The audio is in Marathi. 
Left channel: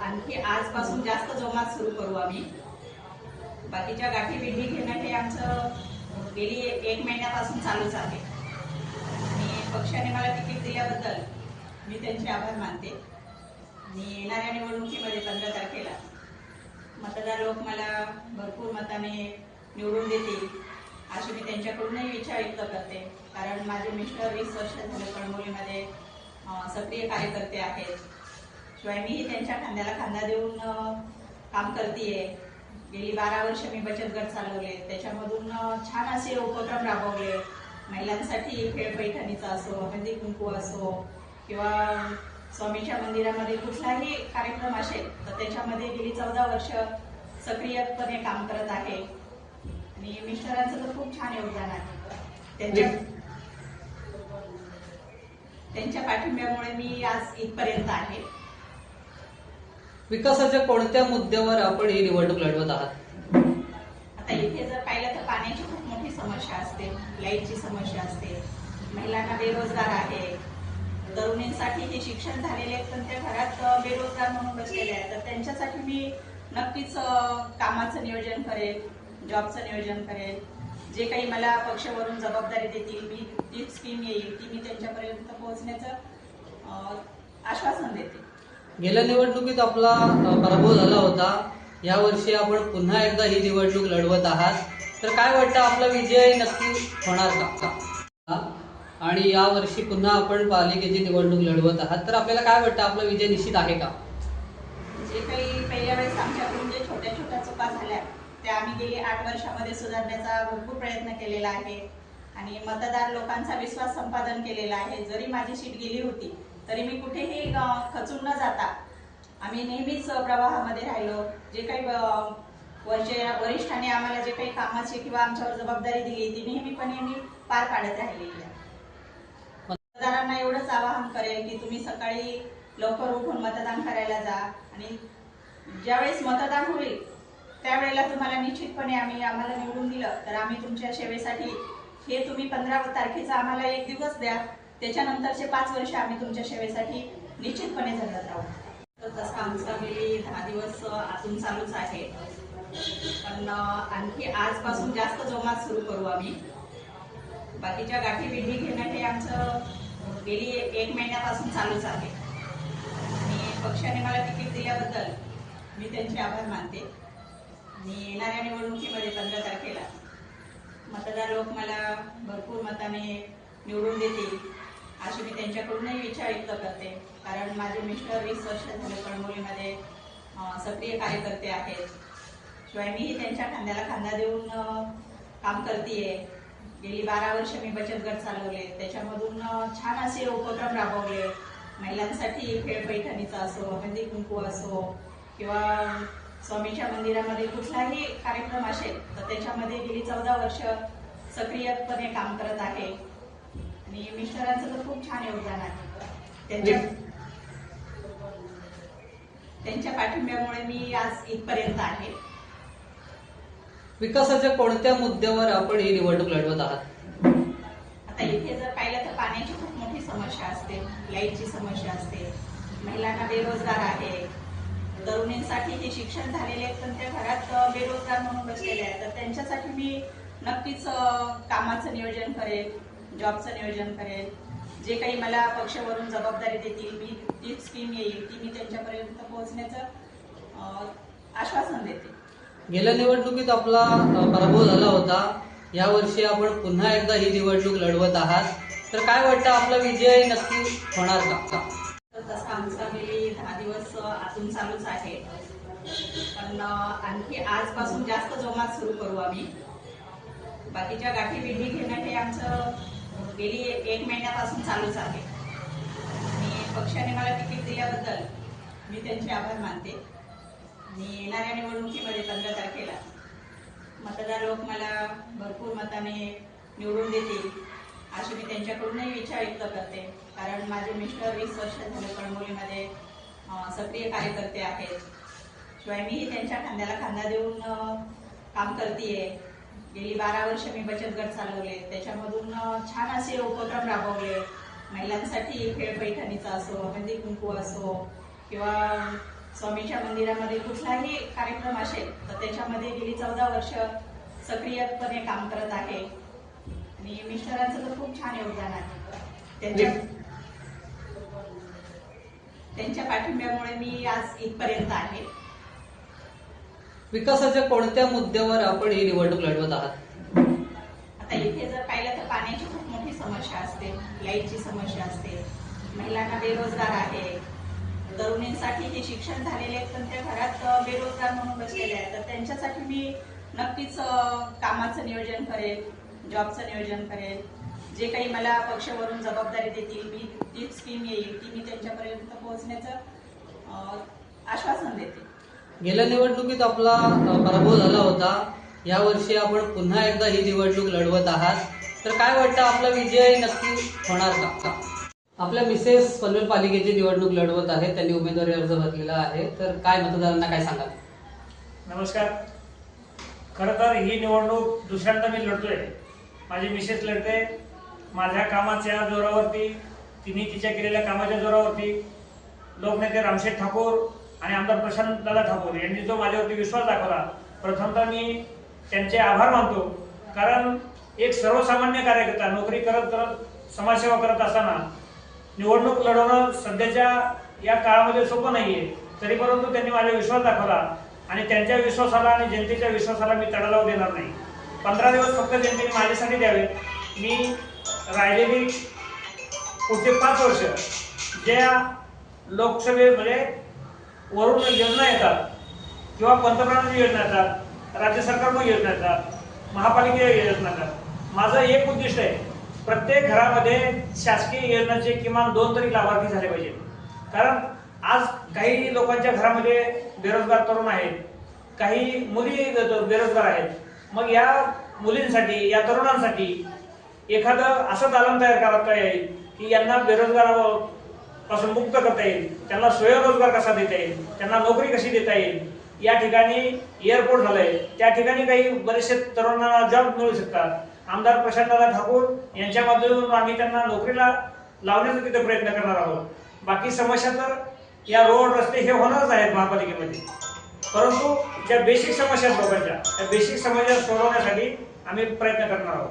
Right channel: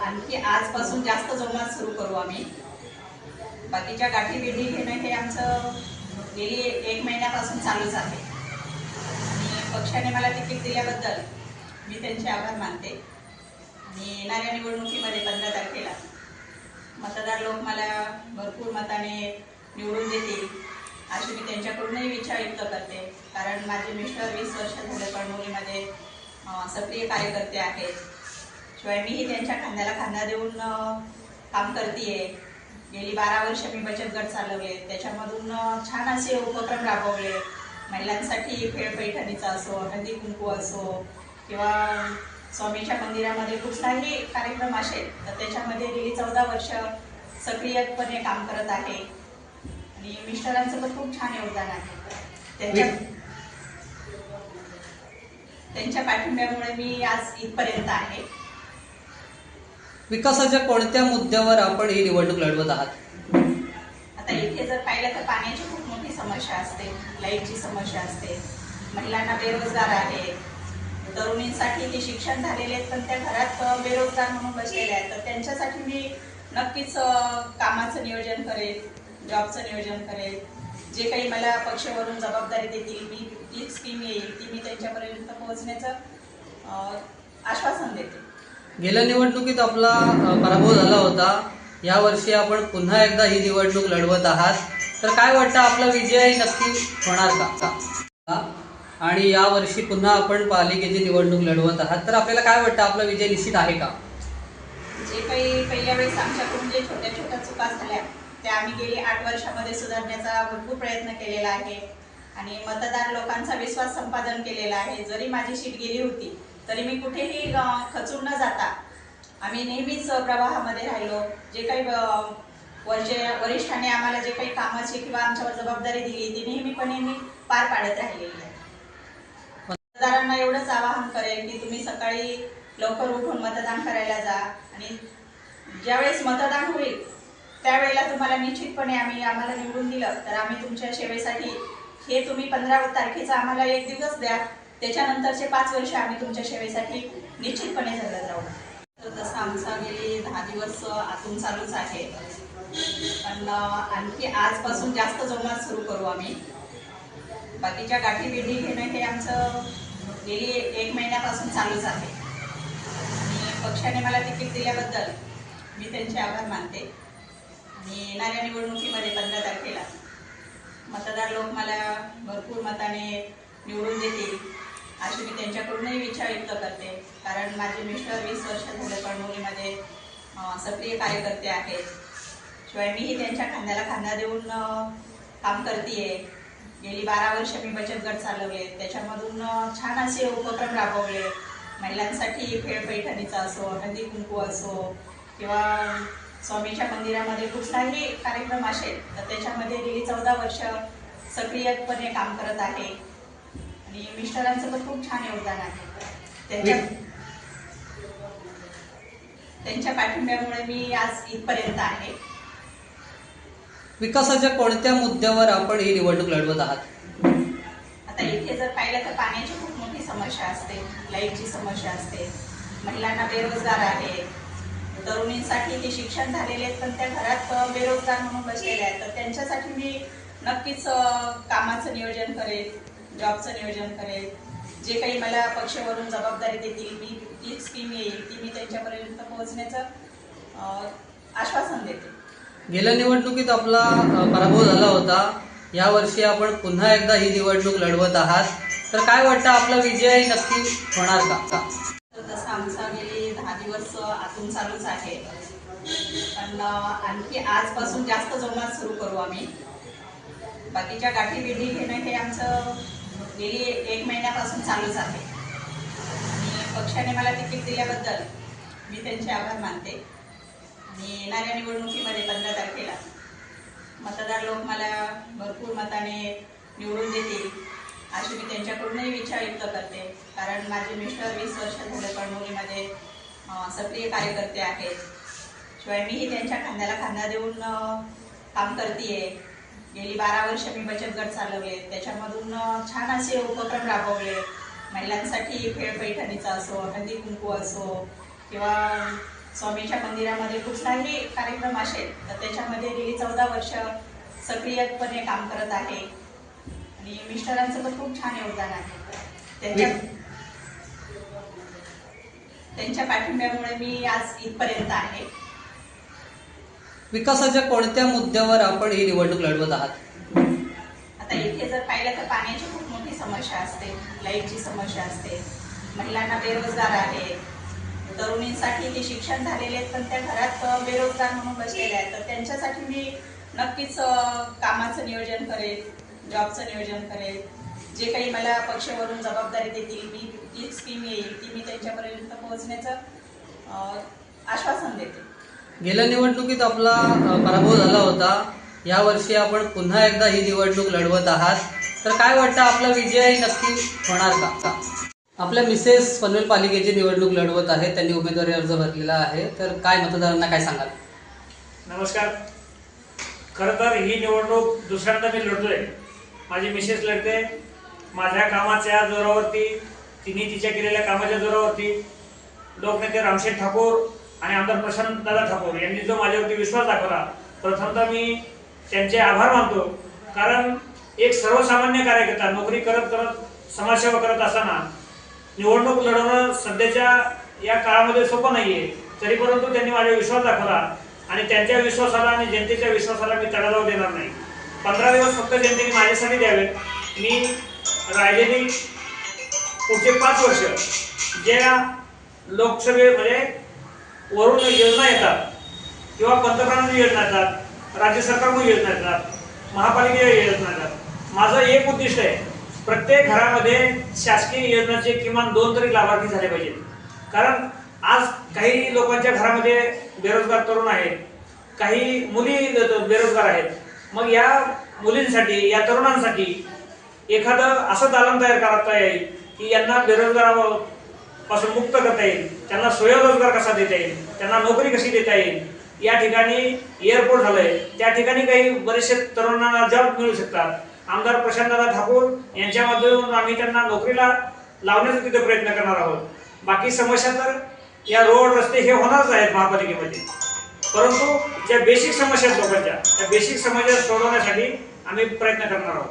आणखी आजपासून जास्त जोमात सुरू करू आम्ही. बाकीच्या गाठी बिठी घेणं हे आमचं गेली एक महिन्यापासून चालूच आहे. आणि पक्षाने मला तिकीट दिल्याबद्दल मी त्यांचे आभार मानते. आणि येणाऱ्या निवडणुकीमध्ये पंधरा तारखेला मतदार लोक मला भरपूर मताने निवडून देतील अशी मी त्यांच्याकडूनही विचार व्यक्त करते. कारण माझे मिस्टर वीस वर्ष झाले कळमोलीमध्ये अं, सक्रिय कार्यकर्ते आहेत. शिवाय मीही त्यांच्या खांद्याला खांदा देऊन काम करते गेली बारा वर्ष मी बचत गट चालवले. त्याच्यामधून छान असे उपक्रम राबवले. महिलांसाठी खेळ पैठणीचा असो हळदी कुंकू असो किंवा स्वामीच्या मंदिरामध्ये कुठलाही कार्यक्रम असेल तर त्याच्यामध्ये गेली चौदा वर्ष सक्रियपणे काम करत आहे. आणि मिस्टरांचं पण खूप छान योगदान आहे. त्यांच्या त्यांच्या पाठिंब्यामुळे मी आज इथपर्यंत आहे. विकासाच्या कोणत्या मुद्द्यावर आपण ही निवडणूक लढवत आहात? आता इथे जर पाहिलं तर पाण्याची खूप मोठी समस्या असते लाईटची समस्या असते महिलांना बेरोजगार आहे तरुणींसाठी ते शिक्षण झालेले आहेत पण त्या घरात बेरोजगार म्हणून बसलेले आहेत. तर त्यांच्यासाठी मी नक्कीच कामाचं नियोजन करेल जॉबचं नियोजन करेल जे काही मला पक्षावरून जबाबदारी देतील मी ती स्कीम येईल ती मी त्यांच्यापर्यंत पोहोचण्याचं आश्वासन देते. गेल्या निवडणुकीत आपला पराभव झाला होता. या वर्षी आपण पुन्हा एकदा ही निवडणूक लढवत आहात. तर काय वाटतं आपला विजय नक्की होणार का? आणि या वर्षी पुन्हा आपण पालिकेची निवडणूक लढवत आहात. तर आपल्याला काय वाटतं आपला विजय निश्चित आहे का? जे काही पहिल्या वेळेस आमच्याकडून जे छोट्या छोट्या चुका झाल्या त्या आम्ही गेली आठ वर्षामध्ये सुधारण्याचा भरपूर प्रयत्न केलेला आहे. आणि मतदार लोकांचा विश्वास संपादन केलेला आहे. जरी माझी शीट गेली होती तरी मी कुठेही खचून न जाता आम्ही नेहमीच प्रवाहामध्ये राहिलो. जे काही अं, वरचे वरिष्ठांनी आम्हाला जे काही कामाची किंवा आमच्यावर जबाबदारी दिली ती नेहमीपणे मी पार पाडत राहिलेली आहे. मतदारांना एवढंच आवाहन करेल की तुम्ही सकाळी लवकर उठून मतदान करायला जा आणि ज्यावेळेस मतदान होईल त्यावेळेला तुम्हाला निश्चितपणे आम्ही आम्हाला निवडून दिलं. तर आम्ही तुमच्या सेवेसाठी हे तुम्ही पंधरा तारखेचा आम्हाला एक दिवस द्या. त्याच्यानंतरचे पाच वर्ष आम्ही तुमच्या सेवेसाठी निश्चितपणे झगडत राहू. तर तसं आमचा गेली दहा दिवस आतून चालूच आहे. पण आणखी आजपासून जास्त जोमात सुरू करू आम्ही. बाकीच्या गाठी बिठी घेणं हे आमचं गेली एक महिन्यापासून चालूच आहे. आणि पक्षाने मला तिकीट दिल्याबद्दल मी त्यांचे आभार मानते. आणि येणाऱ्या निवडणुकीमध्ये पंधरा तारखेला मतदार लोक मला भरपूर मताने निवडून देतील. अशी मी त्यांच्याकडूनही विचार व्यक्त करते. कारण माझे मिस्टर वीस वर्ष झाले कळमोलीमध्ये सक्रिय कार्यकर्ते आहेत. शिवाय मीही त्यांच्या खांद्याला खांदा देऊन काम करते गेली बारा वर्ष मी बचत गट चालवले. त्याच्यामधून छान असे उपक्रम राबवले. महिलांसाठी खेळ पैठणीचा असो हळदी कुंकू असो किंवा स्वामीच्या मंदिरामध्ये कुठलाही कार्यक्रम असेल तर त्याच्यामध्ये गेली चौदा वर्ष सक्रियपणे काम करत आहे. आणि मिस्टरांचं पण खूप छान योगदान आहे. त्यांच्या त्यांच्या पाठिंब्यामुळे मी आज इथपर्यंत आहे. विकासाच्या कोणत्या मुद्द्यावर आपण ही निवडणूक लढवत आहात? आता इथे जर पाहिलं तर पाण्याची खूप मोठी समस्या असते लाईटची समस्या असते महिलांना बेरोजगार आहे तरुणींसाठी ते शिक्षण झालेले आहेत पण त्या घरात बेरोजगार म्हणून बसलेले आहेत. तर त्यांच्यासाठी मी नक्कीच कामाचं नियोजन करेल जॉबचं नियोजन करेल. जे काही मला पक्षावरून जबाबदारी देतील मी ती स्कीम येईल ती मी त्यांच्यापर्यंत पोहोचण्याचं आश्वासन देते. गेल्या निवडणुकीत आपला पराभव झाला होता. यावर्षी आपण पुन्हा एकदा ही निवडणूक लढवत आहात. तर काय वाटतं आपला विजय नक्की होणार का? तसं आमचा गेली दहा दिवस आतून चालूच आहे. पण आणखी आजपासून जास्त जोमात सुरू करू आम्ही. बाकीच्या गाठी बिठी घेणं हे आमचं गेली एक महिन्यापासून चालूच आहे. आणि पक्षाने मला तिकीट दिल्याबद्दल मी त्यांचे आभार मानते. मी येणाऱ्या निवडणुकीमध्ये पंधरा तारखेला मतदार लोक मला भरपूर मताने निवडून देतील अशी मी त्यांच्याकडूनही इच्छा व्यक्त करते. कारण माझे मिस्टर वीस वर्ष झाले कळमोलीमध्ये सक्रिय कार्यकर्ते आहेत. शिवाय मीही त्यांच्या खांद्याला खांदा देऊन काम करते गेली बारा वर्ष मी बचत गट चालवले. त्याच्यामधून छान असे उपक्रम राबवले. महिलांसाठी खेळ पैठणीचा असो हळदी कुंकू असो किंवा स्वामीच्या मंदिरामध्ये कुठलाही कार्यक्रम असेल तर त्याच्यामध्ये गेली चौदा वर्ष सक्रियपणे काम करत आहे. आणि मिस्टरांचं तर खूप छान योगदान आहे. त्यांच्या त्यांच्या पाठिंब्यामुळे मी आज इथपर्यंत आहे. विकासाच्या कोणत्या मुद्द्यावर आपण ही निवडणूक लढवत आहात? आता इथे जर पाहिलं तर पाण्याची खूप मोठी समस्या असते लाईटची समस्या असते महिलांना बेरोजगार आहे तरुणींसाठी ते शिक्षण झालेले आहेत पण त्या घरात बेरोजगार म्हणून बसलेले आहेत. तर त्यांच्यासाठी मी नक्कीच कामाचं नियोजन करेल जॉबचं नियोजन करेल. जे काही मला पक्षावरून जबाबदारी देतील मी ती स्कीम येईल ती मी त्यांच्यापर्यंत पोहोचण्याचं आश्वासन देते. गेल्या निवडणुकीत आपला पराभव झाला होता. यावर्षी आपण पुन्हा एकदा ही निवडणूक लढवत आहात. तर काय वाटतं आपला विजय नक्की होणार का? आपल्या मिसेस पनवेल पालिकेची निवडणूक लढवत आहेत. त्यांनी उमेदवारी अर्ज भरलेला आहे. तर काय मतदारांना काय सांगाल? नमस्कार. खरं तर ही निवडणूक दुसऱ्यांदा मी लढतोय. माझी मिसेस लढते. माझ्या कामाच्या जोरावरती तिने तिच्या केलेल्या कामाच्या जोरावरती लोकनेते रामशेठ ठाकूर आणि आमदार प्रशांत दादा ठाकूर यांनी जो माझ्यावरती विश्वास दाखवला प्रथमतः मी त्यांचे आभार मानतो. कारण एक सर्वसामान्य कार्यकर्ता नोकरी करत करत समाजसेवा करत असताना निवडणूक लढवणं सध्याच्या या काळामध्ये सोपं नाही तरी परंतु त्यांनी माझा विश्वास दाखवला आणि त्यांच्या विश्वासाला आणि जनतेच्या विश्वासाला मी तडा लावू देणार नाही. पंधरा दिवस फक्त जनतेने माझ्यासाठी द्यावेत. मी राहिलेली पुढचे पाच वर्ष ज्या लोकसभे म्हणजे वरून योजना येतात. किंवा पंतप्रधान योजना येतात राज्य सरकारकडून योजना येतात महापालिकेच्या योजना येतात. माझं एक उद्दिष्ट आहे प्रत्येक घरामध्ये शासकीय योजनांचे किमान दोन तरी लाभार्थी झाले पाहिजेत. कारण आज काही लोकांच्या घरामध्ये बेरोजगार तरुण आहेत काही मुली बेरोजगार आहेत. मग या मुलींसाठी या तरुणांसाठी एखादं असं दालन तयार करता येईल की यांना बेरोजगार पासून मुक्त करता येईल. त्यांना स्वयंरोजगार कसा देता येईल? त्यांना नोकरी कशी देता येईल? या ठिकाणी एअरपोर्ट झालंय. त्या ठिकाणी काही बरेचसे तरुणांना जॉब मिळू शकतात. आमदार प्रशांतदादा ठाकूर यांच्या माध्यमातून आम्ही त्यांना नोकरीला लावण्याचा तिथे प्रयत्न करणार आहोत. बाकी समस्या तर या रोड रस्ते हे होणारच आहेत महापालिकेमध्ये. परंतु ज्या बेसिक समस्या आहेत लोकांच्या त्या बेसिक समस्या सोडवण्यासाठी आम्ही प्रयत्न करणार आहोत.